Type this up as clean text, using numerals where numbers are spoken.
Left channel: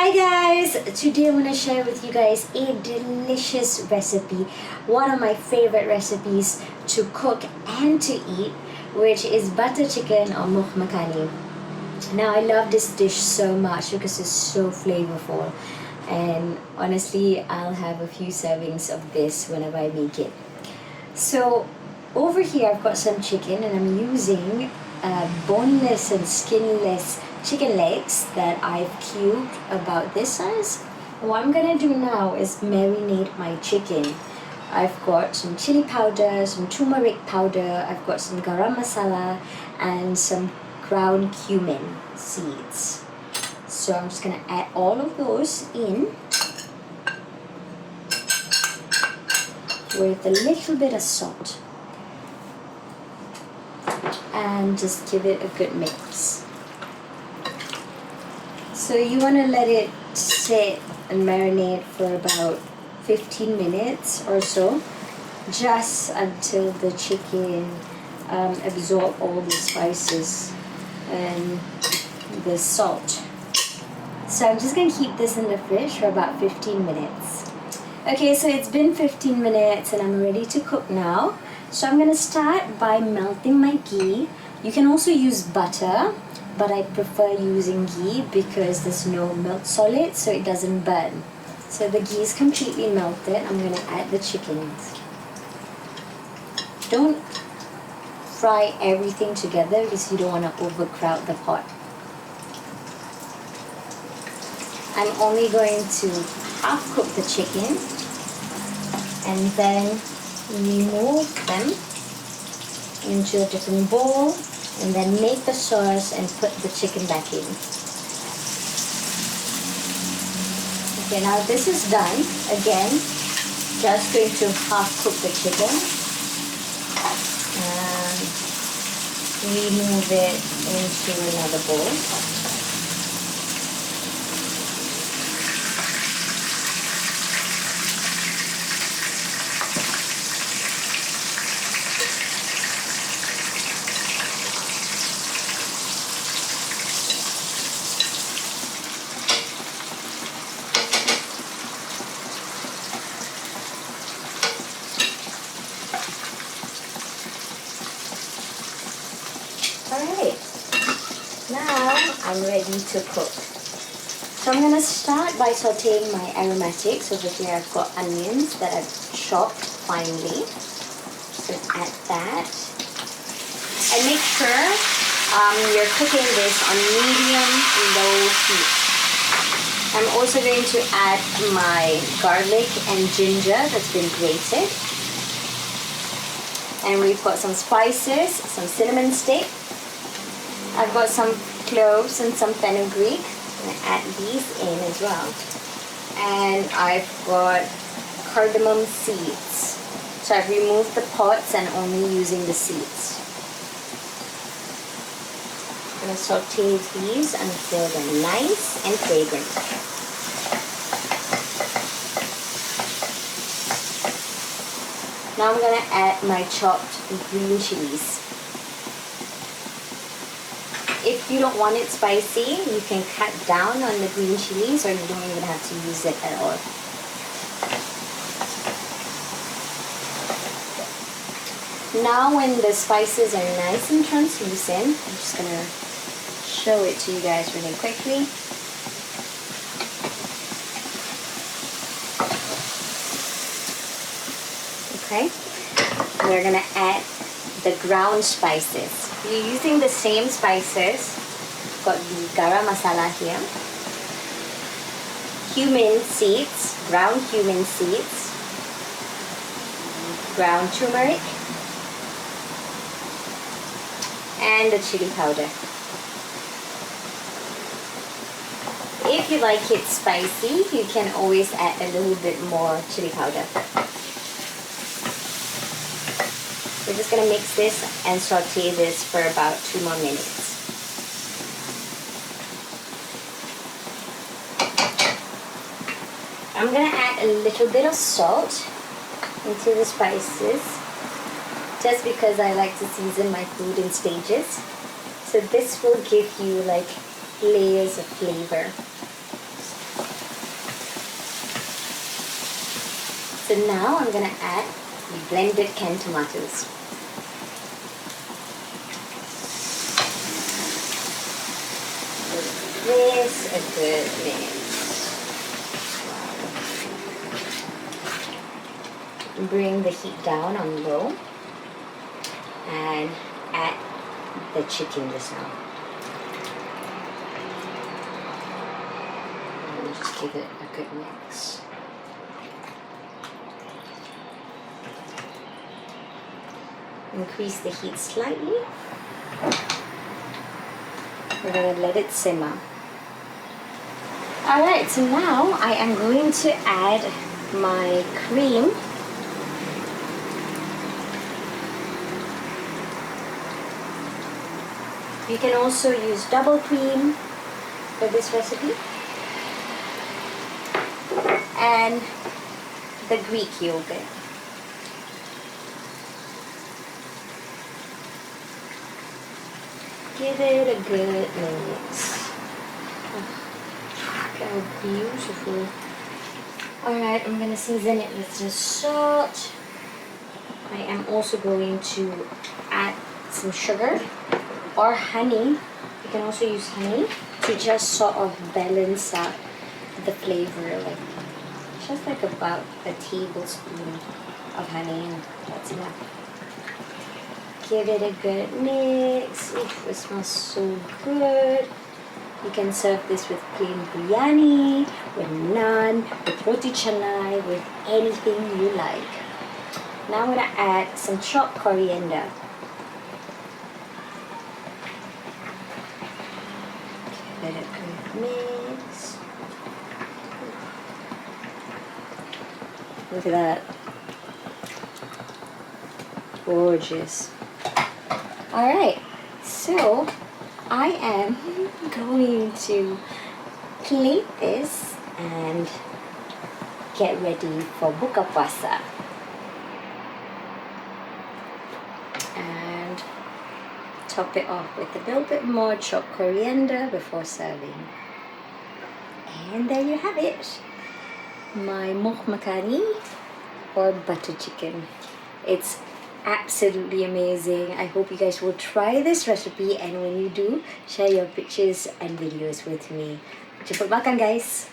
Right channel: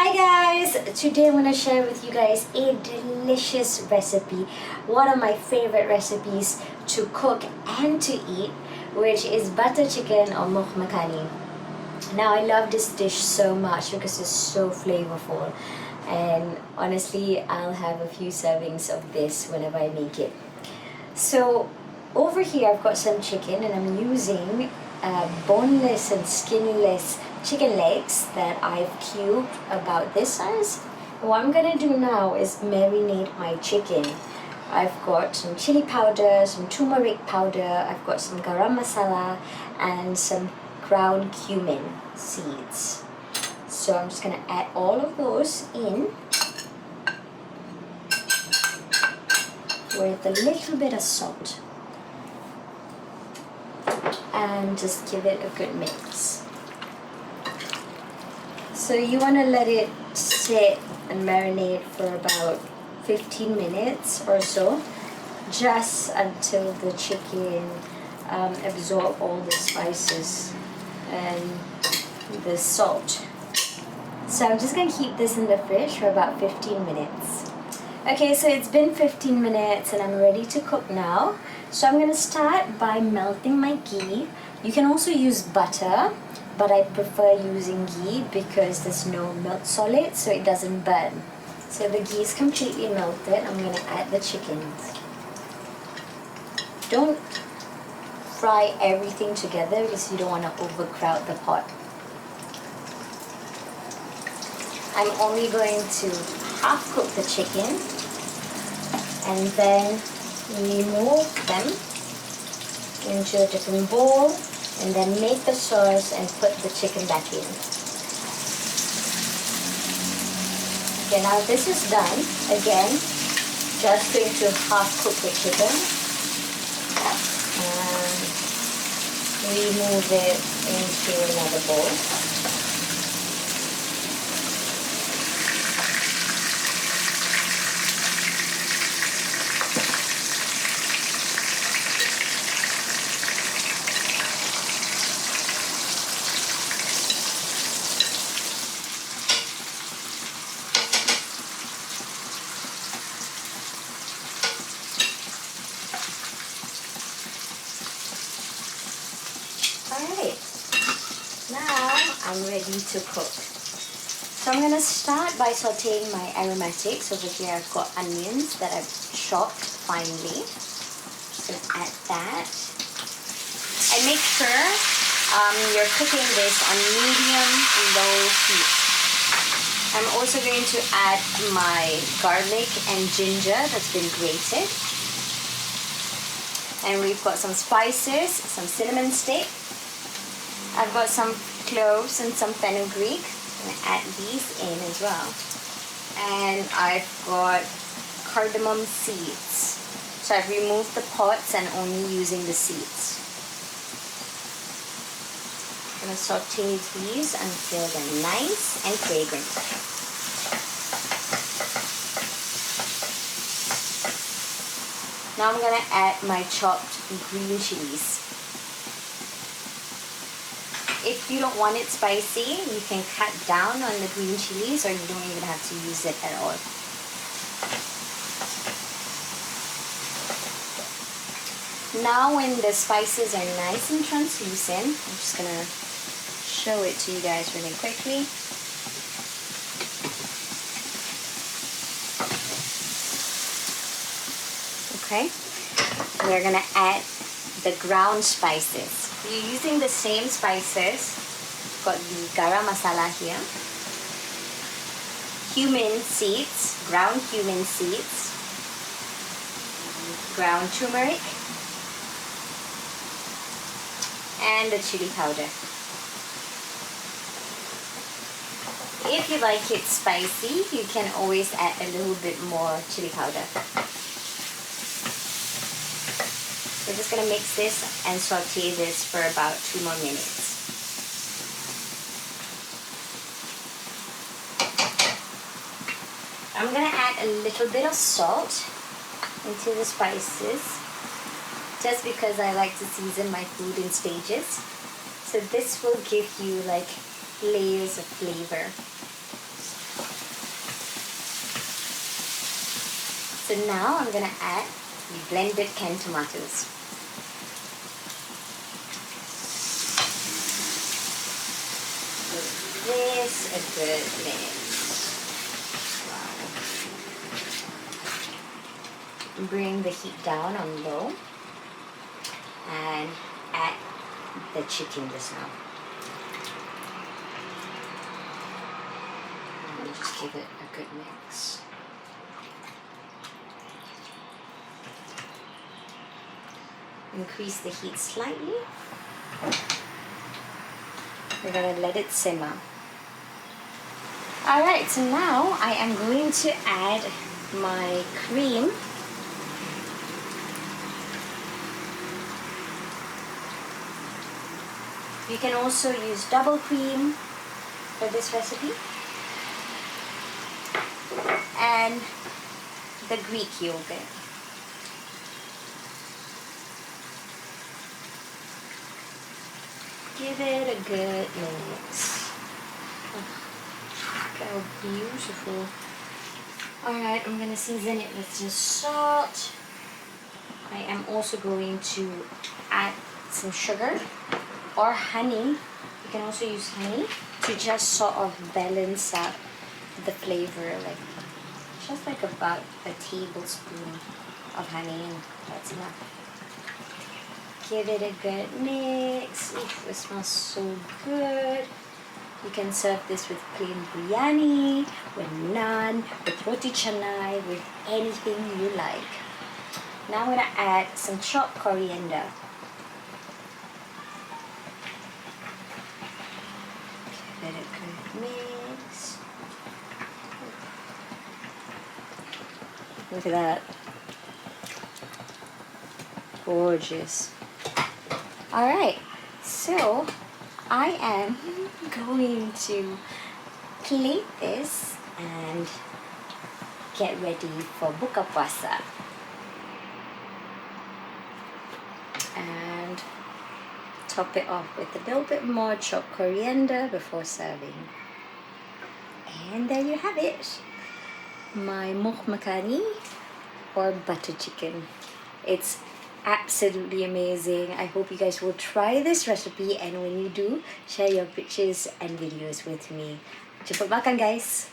Hi guys! Today I'm going to share with you guys a delicious recipe, one of my favorite recipes to cook and to eat, which is butter chicken or Murgh Makhani. Now I love this dish so much because it's so flavorful, and honestly I'll have a few servings of this whenever I make it. So over here I've got some chicken and I'm using boneless and skinless chicken legs that I've cubed about this size. What I'm gonna do now is marinate my chicken. I've got some chili powder, some turmeric powder, I've got some garam masala and some ground cumin seeds. So I'm just gonna add all of those in with a little bit of salt and just give it a good mix. So you want to let it sit and marinate for about 15 minutes or so, just until the chicken absorb all the spices and the salt. So I'm just going to keep this in the fridge for about 15 minutes. Okay, so it's been 15 minutes and I'm ready to cook now. So I'm going to start by melting my ghee. You can also use butter, but I prefer using ghee because there's no milk solid, so it doesn't burn. So the ghee is completely melted. I'm going to add the chickens. Don't fry everything together because you don't want to overcrowd the pot. I'm only going to half cook the chicken and then remove them into a different bowl and then make the sauce and put the chicken back in. Okay, now this is done. Again, just going to half cook the chicken and remove it into another bowl. Alright, now I'm ready to cook. So I'm going to start by sauteing my aromatics. Over here I've got onions that I've chopped finely. Just going to add that. And make sure you're cooking this on medium-low heat. I'm also going to add my garlic and ginger that's been grated. And we've got some spices, some cinnamon stick. I've got some cloves and some fenugreek. I'm going to add these in as well. And I've got cardamom seeds. So I've removed the pods and only using the seeds. I'm going to saute these until they're nice and fragrant. Now I'm going to add my chopped green chillies. If you don't want it spicy, you can cut down on the green chilies or you don't even have to use it at all. Now when the spices are nice and translucent, I'm just going to show it to you guys really quickly. Okay, we're going to add the ground spices. We're using the same spices. Got the garam masala here, cumin seeds, ground cumin seeds, ground turmeric, and the chili powder. If you like it spicy, you can always add a little bit more chili powder. We're just going to mix this and saute this for about 2 more minutes. I'm going to add a little bit of salt into the spices just because I like to season my food in stages. So this will give you like layers of flavor. So now I'm gonna add the blended canned tomatoes. Give this a good mix. Bring the heat down on low and add the chicken just now. And just give it a good mix. Increase the heat slightly. We're going to let it simmer. Alright, so now I am going to add my cream. You can also use double cream for this recipe. And the Greek yogurt. Give it a good mix. Oh, how beautiful. Alright, I'm going to season it with some salt. I am also going to add some sugar or honey. You can also use honey to just sort of balance out the flavor, like just like about a tablespoon of honey, and that's enough. Give it a good mix. It smells so good. You can serve this with plain biryani, with naan, with roti canai, with anything you like. Now I'm going to add some chopped coriander. Give it a good mix. Look at that. Gorgeous. Alright, so I am going to plate this and get ready for buka puasa. And top it off with a little bit more chopped coriander before serving. And there you have it. My Murgh Makhani or butter chicken. It's absolutely amazing. I hope you guys will try this recipe, and when you do, share your pictures and videos with me. Jemput makan, guys.